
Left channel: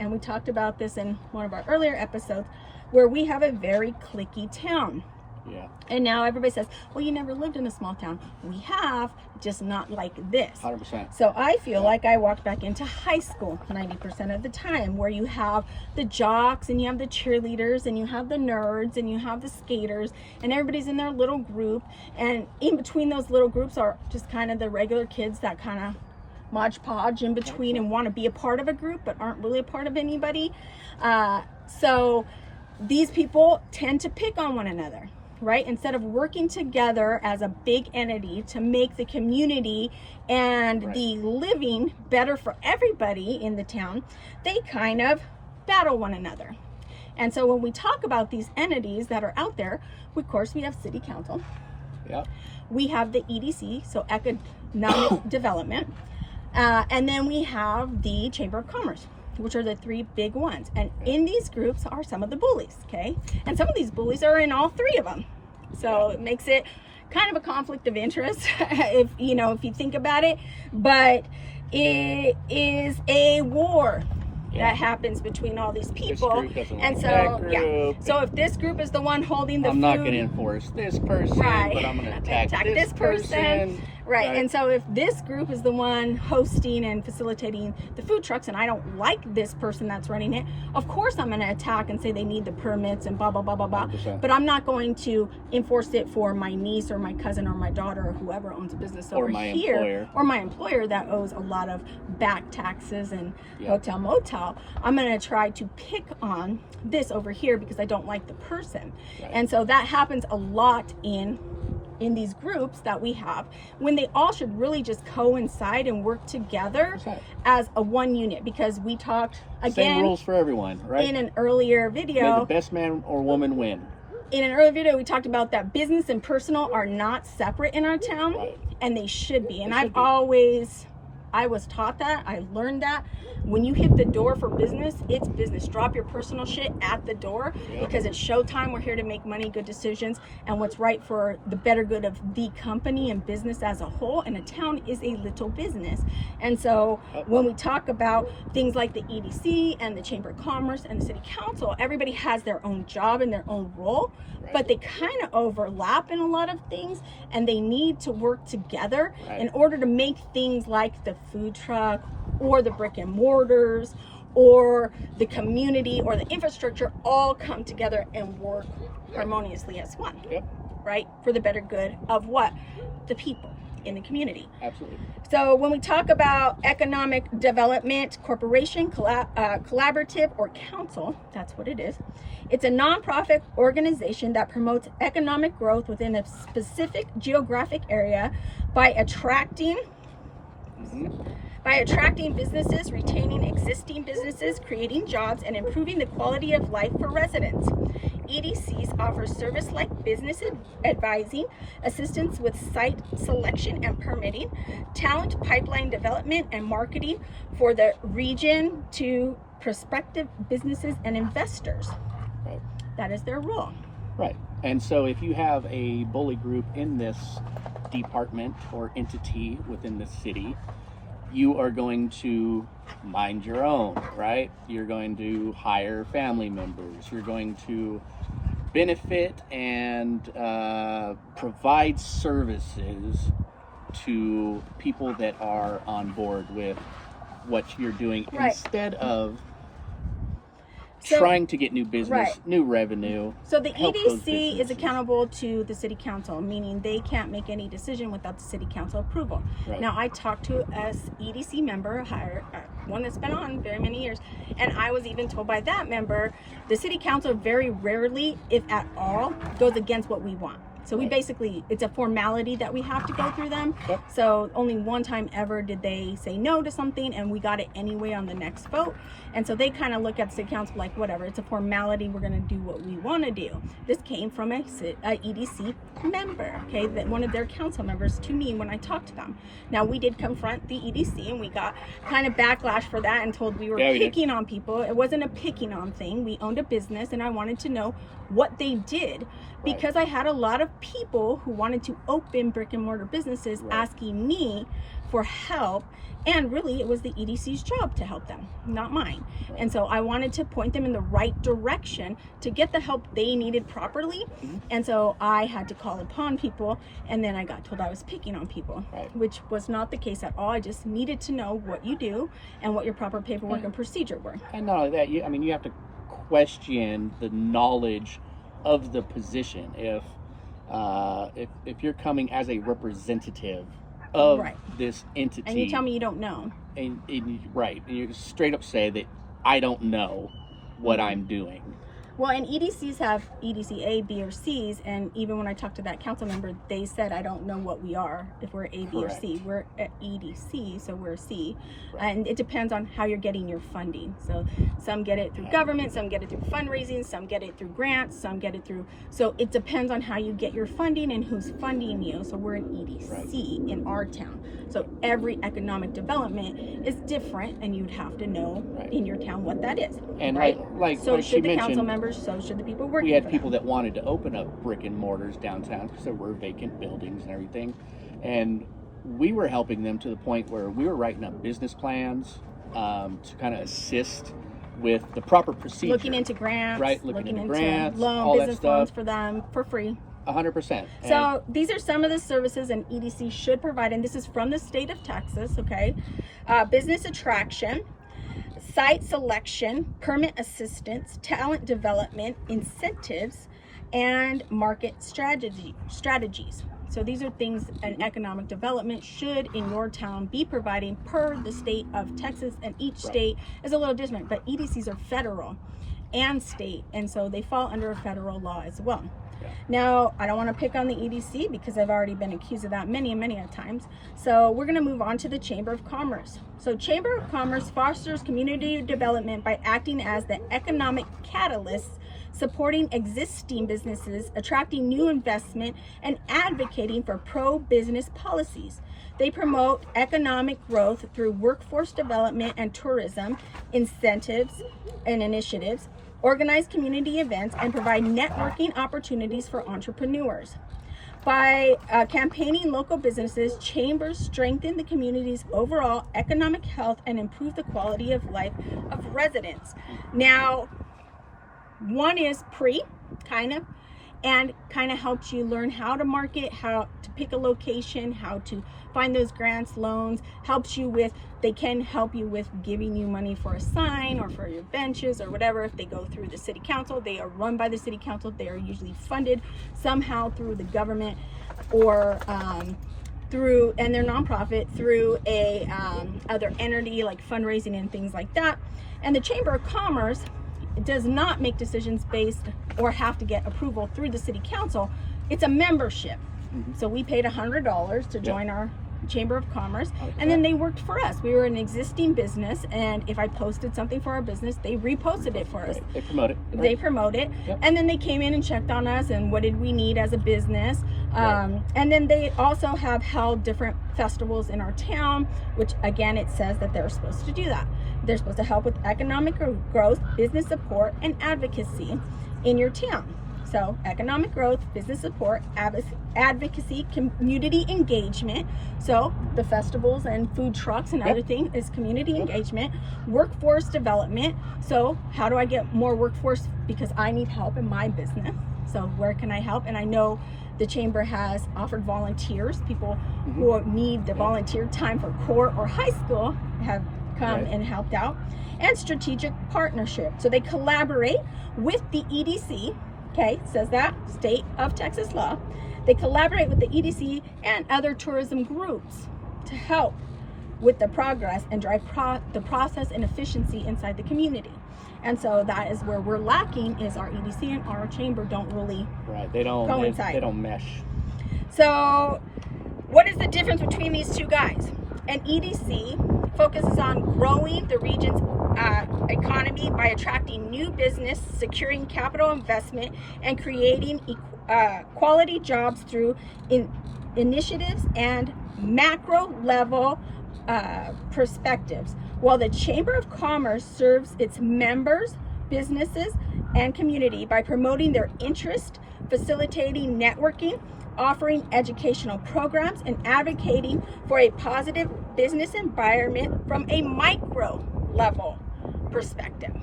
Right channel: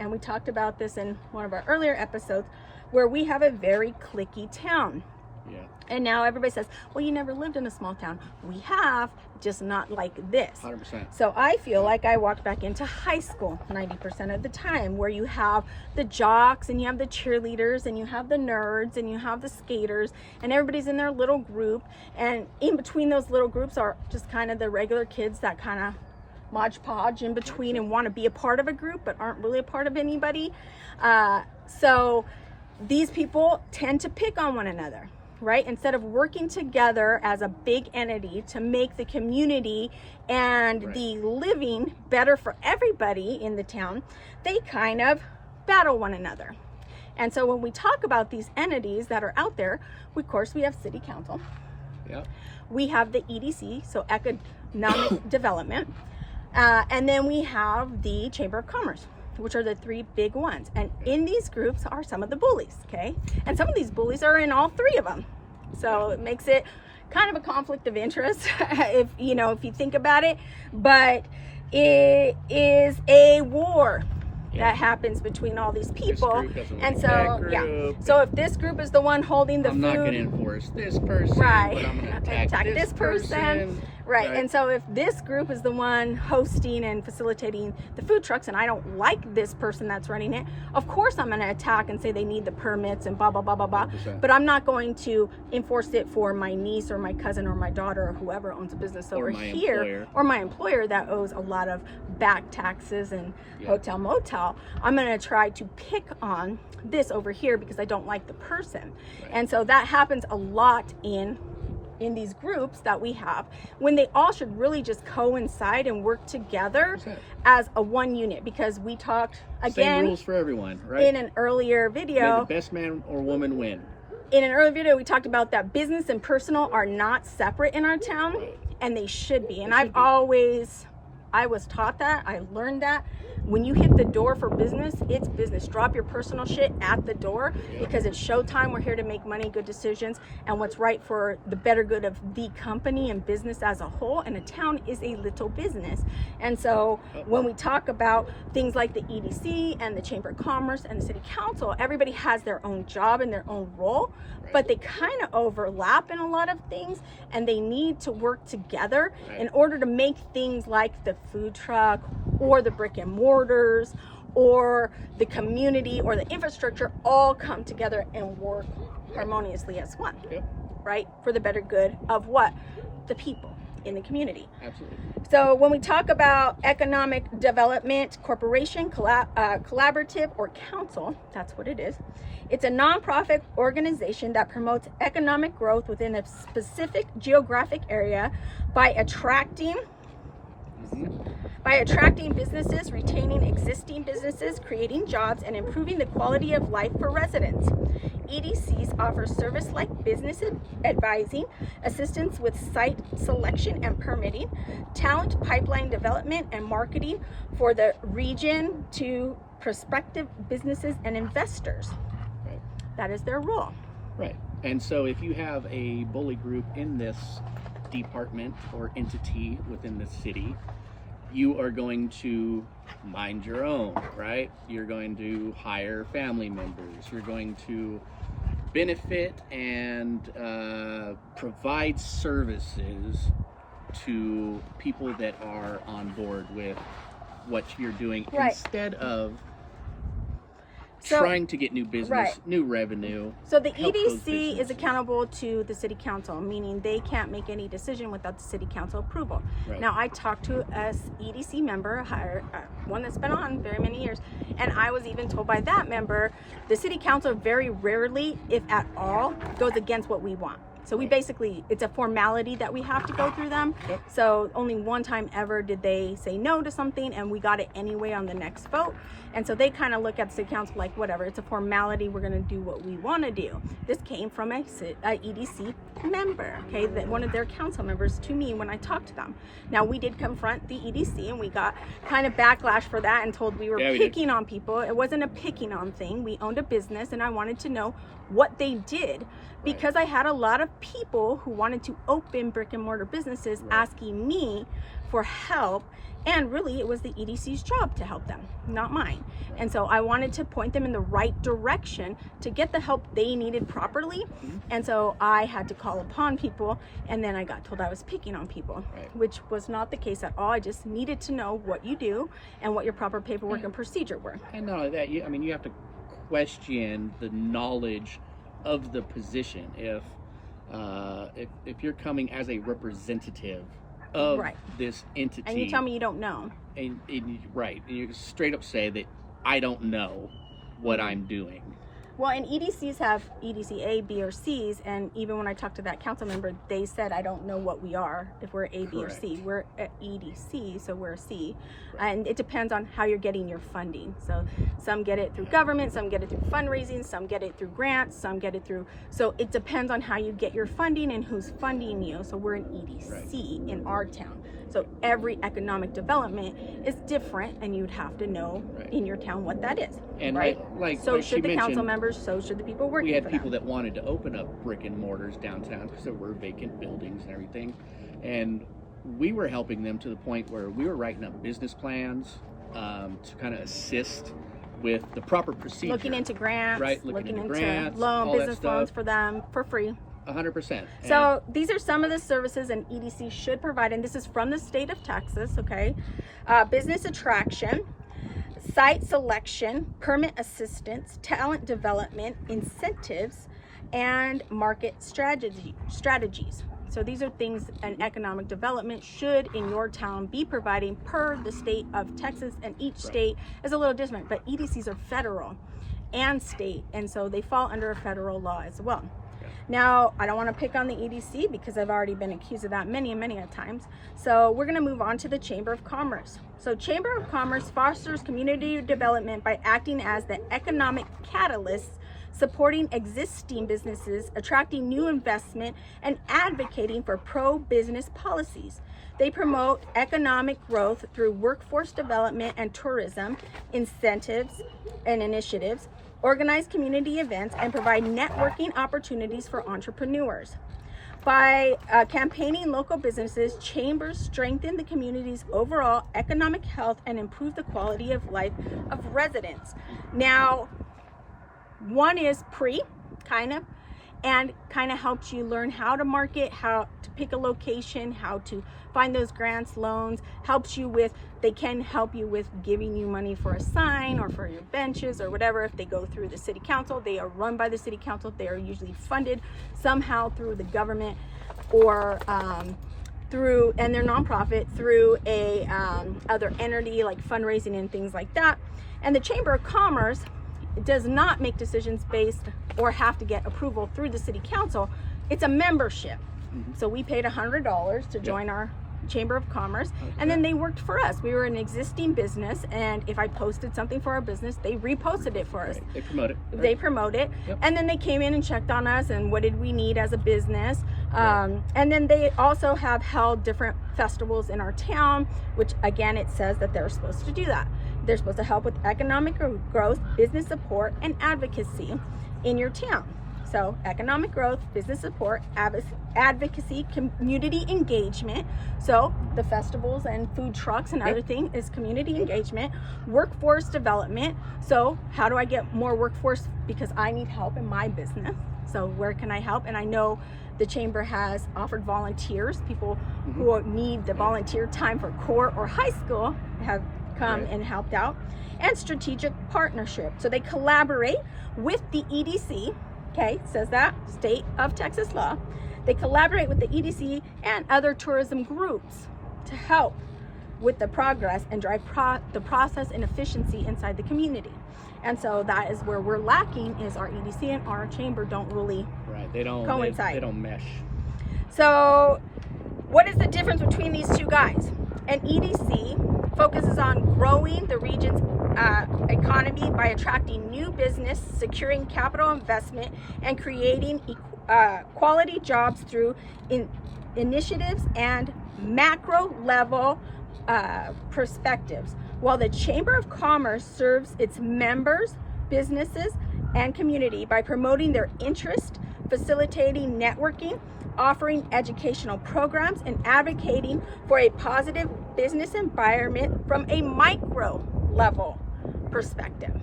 And we talked about this in one of our earlier episodes, where we have a very cliquey town. Yeah. And now everybody says, well, you never lived in a small town. We have, just not like this. 100%. So I feel like I walked back into high school 90% of the time, where you have the jocks and you have the cheerleaders and you have the nerds and you have the skaters, and everybody's in their little group. And in between those little groups are just kind of the regular kids that kind of modge podge in between and want to be a part of a group but aren't really a part of anybody. So these people tend to pick on one another, right? Instead of working together as a big entity to make the community and the living better for everybody in the town, they kind of battle one another. And so when we talk about these entities that are out there, of course we have city council. Yep. We have the EDC, so economic development. And then we have the Chamber of Commerce, which are the three big ones. And in these groups are some of the bullies, okay? And some of these bullies are in all three of them. So it makes it kind of a conflict of interest, if you think about it. But it is a war that happens between all these people. And so, so if this group is the one holding the food, I'm not going to enforce this person, but I'm going to attack this person. Right. And so if this group is the one hosting and facilitating the food trucks, and I don't like this person that's running it, of course I'm going to attack and say they need the permits and blah, blah, blah, blah, blah. 100%. But I'm not going to enforce it for my niece or my cousin or my daughter or whoever owns a business over here. Or my employer that owes a lot of back taxes and hotel motel. I'm going to try to pick on this over here because I don't like the person. Right. And so that happens a lot in these groups that we have, when they all should really just coincide and work together as a one unit. Because we talked, again, same rules for everyone, right? In an earlier video, may the best man or woman win. In an earlier video, we talked about that business and personal are not separate in our town, and they should be. And I was taught that, I learned that. When you hit the door for business, it's business. Drop your personal shit at the door, because it's showtime. We're here to make money, good decisions, and what's right for the better good of the company and business as a whole. And a town is a little business. And so when we talk about things like the EDC and the Chamber of Commerce and the City Council, everybody has their own job and their own role, but they kind of overlap in a lot of things, and they need to work together in order to make things like the food truck or the brick and mortars or the community or the infrastructure all come together and work harmoniously as one. Yep. Right? For the better good of what? The people in the community. Absolutely. So when we talk about economic development corporation, collaborative, or council, that's what it is. It's a nonprofit organization that promotes economic growth within a specific geographic area by attracting businesses, retaining existing businesses, creating jobs, and improving the quality of life for residents. EDCs offer service like business advising, assistance with site selection and permitting, talent pipeline development and marketing for the region to prospective businesses and investors. Right. That is their role. Right. And so if you have a bully group in this department or entity within the city, you are going to mind your own, right? You're going to hire family members. You're going to benefit and provide services to people that are on board with what you're doing, Right. instead of So- trying to get new business, Right. new revenue. So the help those EDC is businesses. accountable to the city council, meaning they can't make any decision without the city council approval. Right. Now I talked to a EDC member, one that's been on very many years, and I was even told by that member, the city council very rarely, if at all, goes against what we want. So we Right. basically, it's a formality that we have to go through them. Yep. So only one time ever did they say no to something, and we got it anyway on the next vote. And so they kind of look at the city council like, whatever, it's a formality, we're going to do what we want to do. This came from a EDC member, okay, that one of their council members to me when I talked to them. Now we did confront the EDC and we got kind of backlash for that and told we were Yeah, we did. picking on people. It wasn't a picking on thing. We owned a business and I wanted to know what they did, because I had a lot of people who wanted to open brick and mortar businesses Right. asking me for help, and really it was the EDC's job to help them, not mine. Right. And so I wanted to point them in the right direction to get the help they needed properly. Mhm. And so I had to call upon people, and then I got told I was picking on people, Right. which was not the case at all. I just needed to know what you do and what your proper paperwork and procedure were. And not only that, you have to question the knowledge of the position. If you're coming as a representative of Right. this entity, And you tell me you don't know. and you straight up say that I don't know what I'm doing. Well, and EDCs have EDC A, B, or C's, and even when I talked to that council member, they said, I don't know what we are, if we're A, B, or C. Correct. We're at EDC, so we're a C. Right. And it depends on how you're getting your funding. So some get it through government, some get it through fundraising, some get it through grants, some get it through, so it depends on how you get your funding and who's funding you. So we're an EDC in our town. So every economic development is different, and you'd have to know Right. in your town what that is. And right? So like she should the council mentioned, members, so should the people working we had for people them. that wanted to open up brick and mortars downtown because there were vacant buildings and everything, and we were helping them to the point where we were writing up business plans to kind of assist with the proper procedure. Looking into grants, Right, looking into grants, all loan, that business stuff. loans for them for free. 100%. So these are some of the services an EDC should provide, and this is from the state of Texas, okay? Business attraction, site selection, permit assistance, talent development, incentives, and market strategies. So these are things an economic development should in your town be providing per the state of Texas, and each Right. state is a little different, but EDCs are federal and state, and so they fall under a federal law as well. Now, I don't want to pick on the EDC because I've already been accused of that many a times. So we're going to move on to the Chamber of Commerce. So Chamber of Commerce fosters community development by acting as the economic catalyst, supporting existing businesses, attracting new investment, and advocating for pro-business policies. They promote economic growth through workforce development and tourism, incentives and initiatives, organize community events, and provide networking opportunities for entrepreneurs. By campaigning local businesses, chambers strengthen the community's overall economic health and improve the quality of life of residents. Now, one is and kind of helps you learn how to market, how to pick a location, how to find those grants, loans, they can help you with giving you money for a sign or for your benches or whatever. If they go through the city council, they are run by the city council. They are usually funded somehow through the government or and they're nonprofit through a other entity like fundraising and things like that. And the Chamber of Commerce does not make decisions based or have to get approval through the city council. It's a membership. So we paid $100 to join our Chamber of Commerce, and then they worked for us. We were an existing business, and if I posted something for our business, they reposted it for us. They promote it. Right. They promote it. Yep. And then they came in and checked on us and what did we need as a business. And then they also have held different festivals in our town, which again, it says that they're supposed to do that. They're supposed to help with economic growth, business support, and advocacy in your town. So economic growth, business support, advocacy, community engagement. So the festivals and food trucks and other things is community engagement, workforce development. So how do I get more workforce? Because I need help in my business. So where can I help? And I know the chamber has offered volunteers. People who need the volunteer time for core or high school have come and helped out. And strategic partnership. So they collaborate with the EDC. Okay, says that, state of Texas law. They collaborate with the EDC and other tourism groups to help with the progress and drive the process and efficiency inside the community. And so that is where we're lacking, is our EDC and our chamber don't really coincide. They don't mesh. So what is the difference between these two guys? An EDC focuses on growing the region's economy by attracting new business, securing capital investment, and creating quality jobs through initiatives and macro level perspectives, while the Chamber of Commerce serves its members, businesses, and community by promoting their interest, facilitating networking, offering educational programs, and advocating for a positive business environment from a micro level perspective.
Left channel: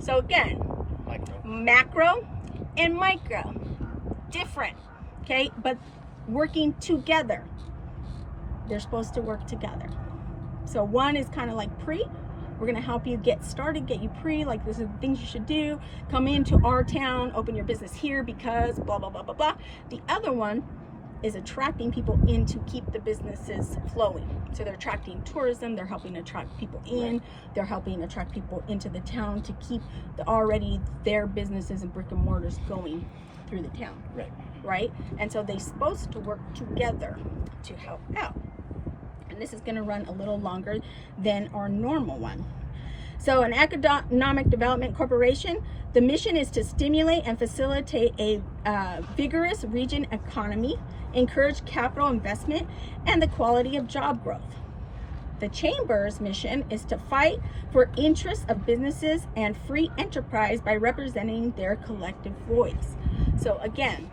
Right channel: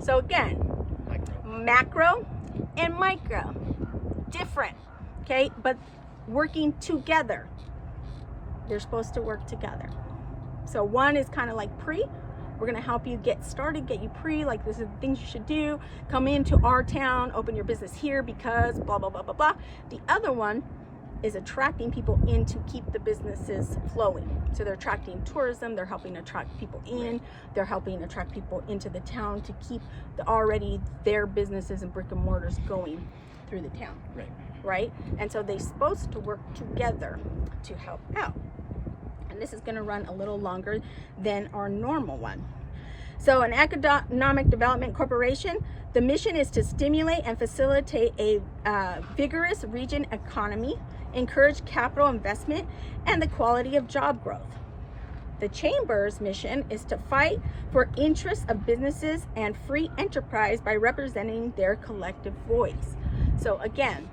So again, macro and micro, different, okay, but working together. They're supposed to work together. So one is kind of like we're going to help you get started, get you like this is the things you should do. Come into our town, open your business here because blah, blah, blah, blah, blah. The other one is attracting people in to keep the businesses flowing. So they're attracting tourism, they're helping attract people in, they're helping attract people into the town to keep their businesses and brick and mortars going through the town. Right? And so they're supposed to work together to help out. And this is going to run a little longer than our normal one. So an economic development corporation, the mission is to stimulate and facilitate a vigorous region economy, encourage capital investment, and the quality of job growth. The chamber's mission is to fight for interests of businesses and free enterprise by representing their collective voice. So again,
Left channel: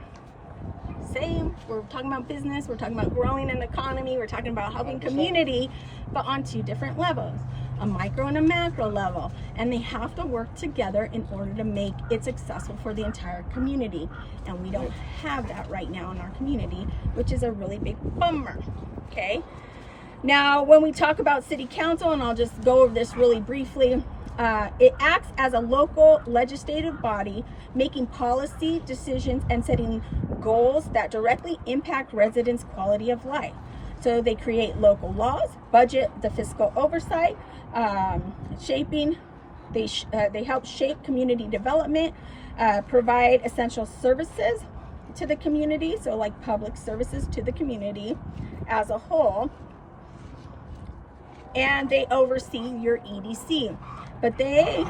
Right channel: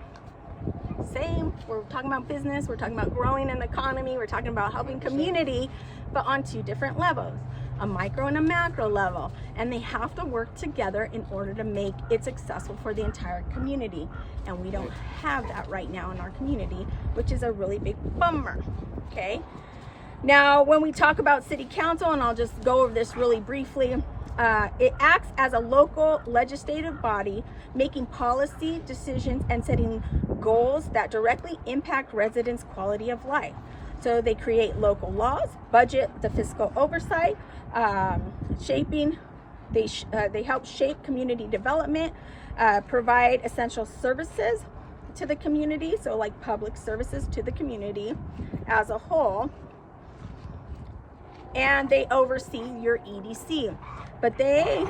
same, we're talking about business, we're talking about growing an economy, we're talking about helping community, but on two different levels, a micro and a macro level, and they have to work together in order to make it successful for the entire community. And we don't have that right now in our community, which is a really big bummer. Okay, now when we talk about city council, and I'll just go over this really briefly, it acts as a local legislative body, making policy decisions and setting goals that directly impact residents' quality of life. So they create local laws, budget, the fiscal oversight, they help shape community development, provide essential services to the community, so like public services to the community as a whole, and they oversee your EDC. But they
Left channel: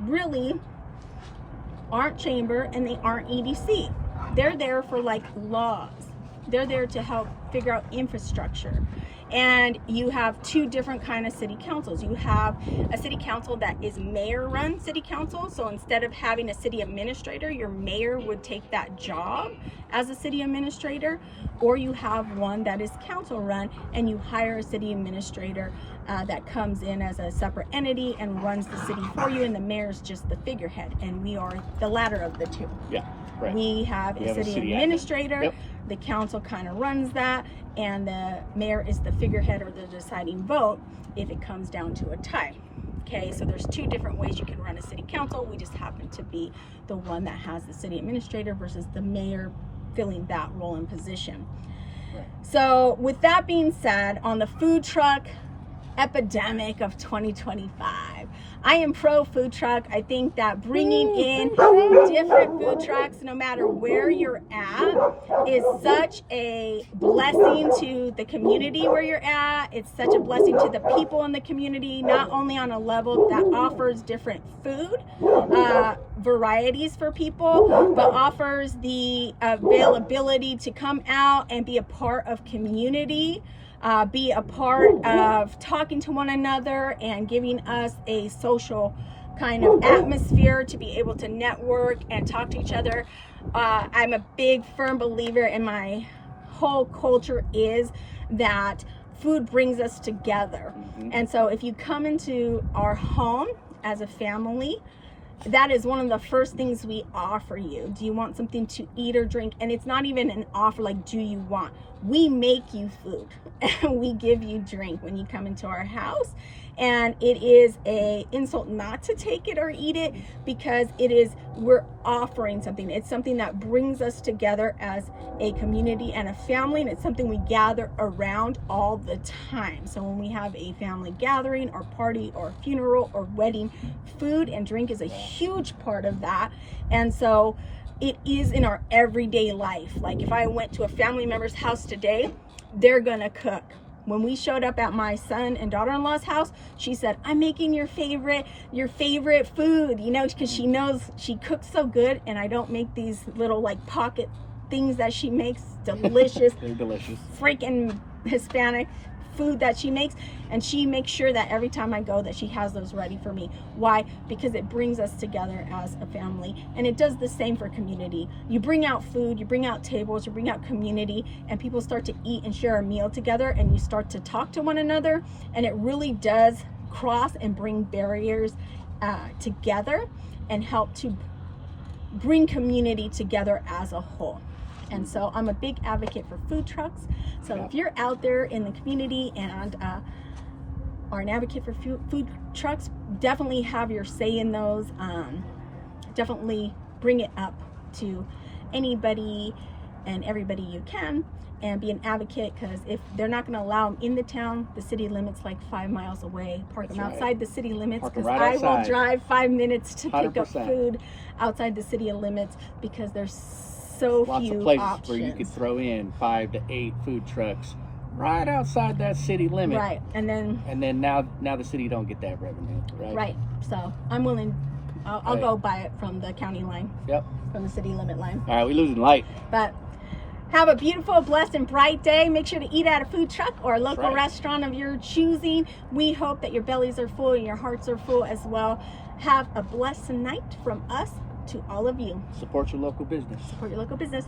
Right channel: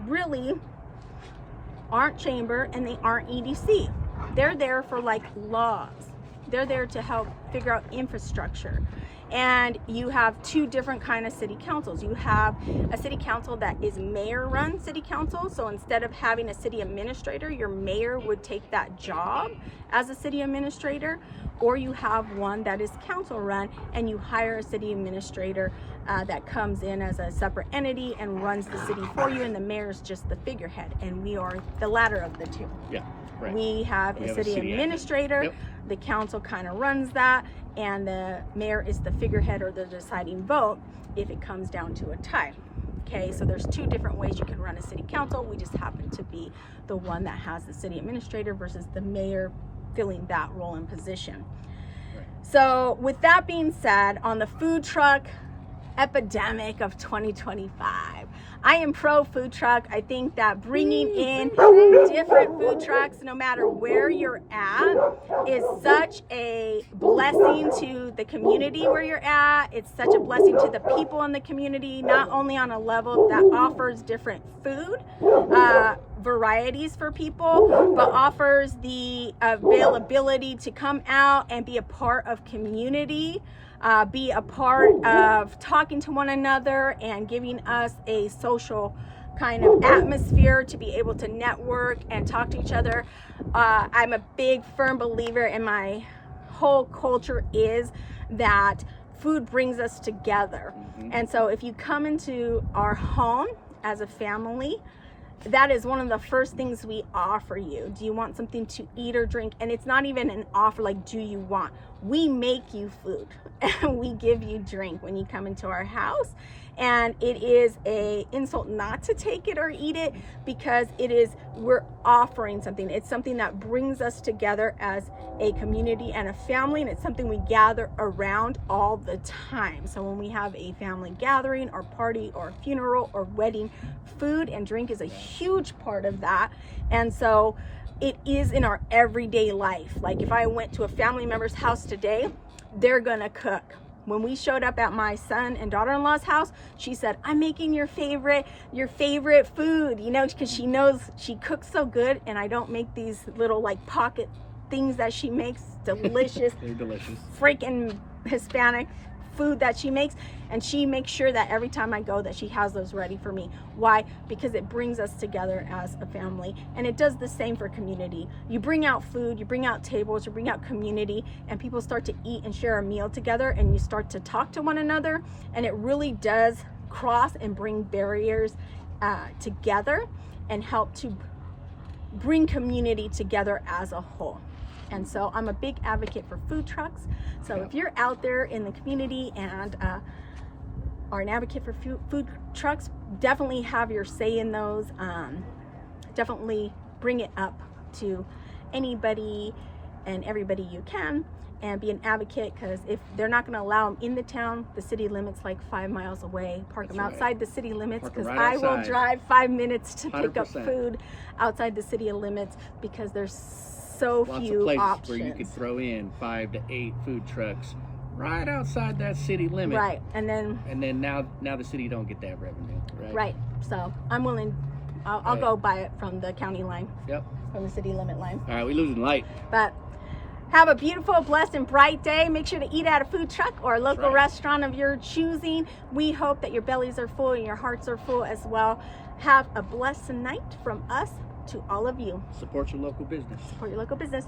really aren't chamber and they aren't EDC. They're there for like laws. They're there to help figure out infrastructure. And you have two different kind of city councils. You have a city council that is mayor-run city council. So instead of having a city administrator, your mayor would take that job as a city administrator. Or you have one that is council-run and you hire a city administrator that comes in as a separate entity and runs the city for you, and the mayor's just the figurehead. And we are the latter of the two. Yeah. Correct. We have We a have a city city admin. administrator. Yep. The council kind of runs that, and the mayor is the figurehead or the deciding vote if it comes down to a tie. Okay, so there's two different ways you can run a city council. We just happen to be the one that has the city administrator versus the mayor filling that role and position. Right. So with that being said, on the food truck epidemic of 2025, I am pro food truck. I think that bringing in different food trucks, no matter where you're at, is such a blessing to the community where you're at. It's such a blessing to the people in the community, not only on a level that offers different food varieties for people, but offers the availability to come out and be a part of community. Be a part of talking to one another and giving us a social kind of atmosphere to be able to network and talk to each other. I'm a big firm believer in my whole culture is that food brings us together. Mm-hmm. And so if you come into our home as a family, that is one of the first things we offer you. Do you want something to eat or drink? And it's not even an offer like, do you want? We make you food and we give you drink when you come into our house. And it is a insult not to take it or eat it, because we're offering something. It's something that brings us together as a community and a family, and it's something we gather around all the time. So when we have a family gathering or party or funeral or wedding, food and drink is a huge part of that. And so it is in our everyday life. Like if I went to a family member's house today, they're gonna cook. When we showed up at my son and daughter-in-law's house, she said, I'm making your favorite food, you know, because she knows she cooks so good, and I don't make these little like pocket things that she makes, delicious, Very delicious. freaking Hispanic food that she makes, and she makes sure that every time I go that she has those ready for me. Why? Because it brings us together as a family, and it does the same for community. You bring out food, you bring out tables, you bring out community, and people start to eat and share a meal together, and you start to talk to one another, and it really does cross and bring barriers together and help to bring community together as a whole. And so I'm a big advocate for food trucks. So if you're out there in the community and are an advocate for food trucks, definitely have your say in those. Definitely bring it up to anybody and everybody you can, and be an advocate, because if they're not going to allow them in the town, the city limits like 5 miles away. Park them outside the city limits, because I will drive 5 minutes to pick up 100%. food outside the city limits, because there's so Lots few of places options. where you could throw in 5 to 8 food trucks right outside that city limit. Right, and then now the city don't get that revenue, right? right. So I'm willing. I'll Right. go buy it from the county line, Yep. from the city limit line. All right, we losing light. But have a beautiful, blessed, and bright day. Make sure to eat at a food truck or a local right. restaurant of your choosing. We hope that your bellies are full and your hearts are full as well. Have a blessed night from us to all of you. Support your local business. Support your local business.